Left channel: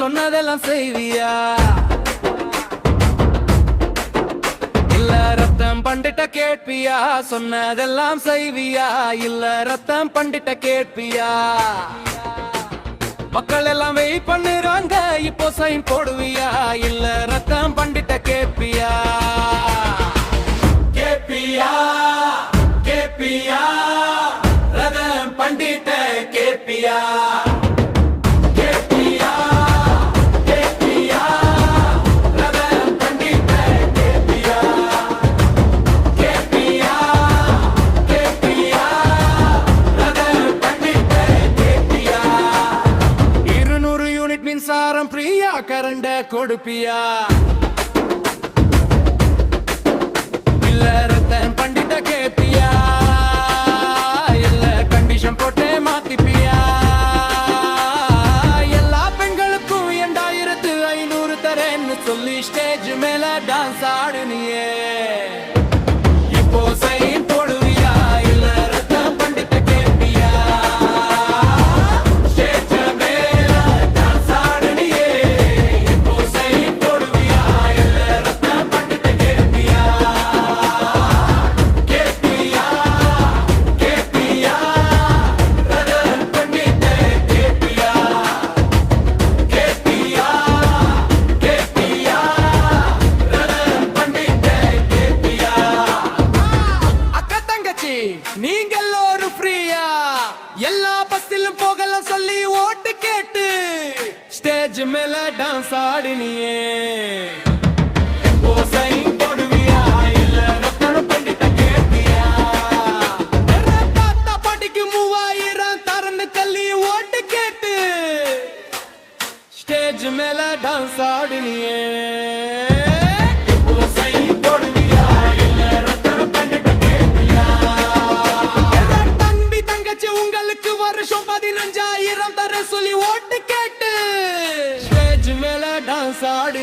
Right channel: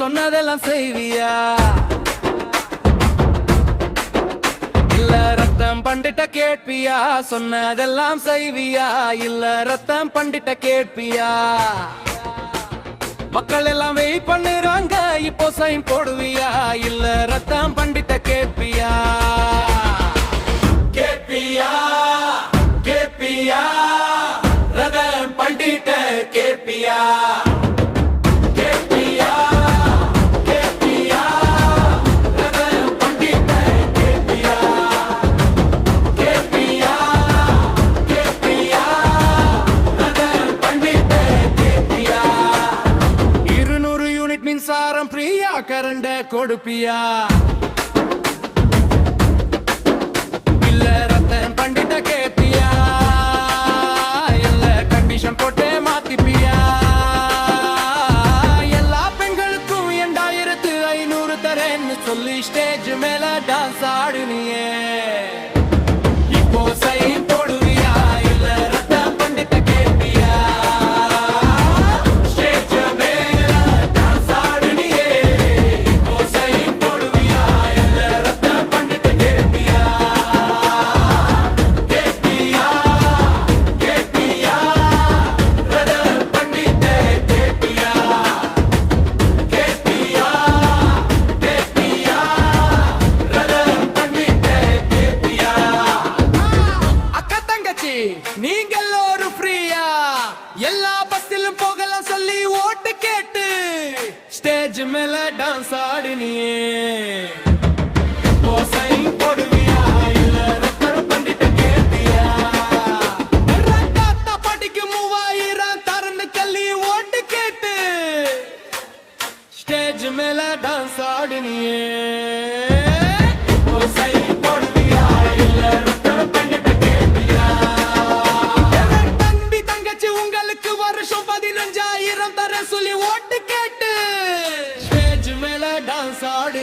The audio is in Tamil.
சொன்னதெல்லாம் செய்வியா? இல்ல ரத்தம் பண்டிட்ட கேட்பியா? சொன்னதெல்லாம் செய்வியா? இல்ல ரத்தம் பண்டிட்ட கேட்பியா? மக்கள் எல்லாம் வெயிட் பண்ணுறாங்க, இப்போ சைன் போடுவியா? இல்ல ரத்தம் பண்டிட்ட கேட்பியா? கேட்பியா? கேட்பியா? ரத்தம் பண்டிட்ட கேட்பியா? கேட்பியா? கேட்பியா? ரத்தம் பண்டிட்ட கேட்பியா? கேட்பியா? கேட்பியா? ரத்தம் பண்டிட்ட கேட்பியா? 200 யூனிட் மின்சாரம் பிரியா கரண்ட கொடுப்பியா? இல்ல ரத்தம் பண்டிட்ட கேட்பியா? இல்ல கண்டிஷன் போட்டே மாத்திப்பியா? எல்லா பெண்களுக்கும் 2500 தரேன்னு சொல்லி ஸ்டேஜ் மேல டான்ஸ் ஆடுனியே, இப்போ சைன் போடுவியா? இல்ல ரத்தம் பண்டிட்ட கேட்பியா? ஸ்டேஜ் மேல டான்ஸ் ஆடுனியே, இப்போ சைன் போடுவியா? இல்ல ரத்தம் பண்டிட்ட கேட்பியா? கேட்பியா? கேட்பியா? ரத்தம் பண்டிட்ட கேட்பியா? கேட்பியா? கேட்பியா? ரத்தம் பண்டிட்ட கேட்பியா? அக்கா தங்கச்சி நீங்க எல்லோரும் ஃப்ரீயா? எல்லா பஸ்ஸிலும் போகலாம் சொல்லி ஓட்டு கேட்டு ஸ்டேஜ் மேல டான்ஸ் ஆடினியே, இப்போ சைன் போடுவியா? இல்ல ரத்தம் பண்டிட்ட கேட்பியா? தாத்தா பாட்டிக்கு 3000 தரன்னு கல்லி ஓட்டு கேட்டு ஸ்டேஜ் மேல டான்ஸ் ஆடினியே, இப்போ சைன் போடுவியா? இல்ல ரத்தம் பண்டிட்ட கேட்பியா? தம்பி தங்கச்சி உங்களுக்கு வருஷம் 15,000 தர சொல்லி ஓட்டு கேட்டு ஸ்டேஜ் மேல டான்ஸ் ஆடினி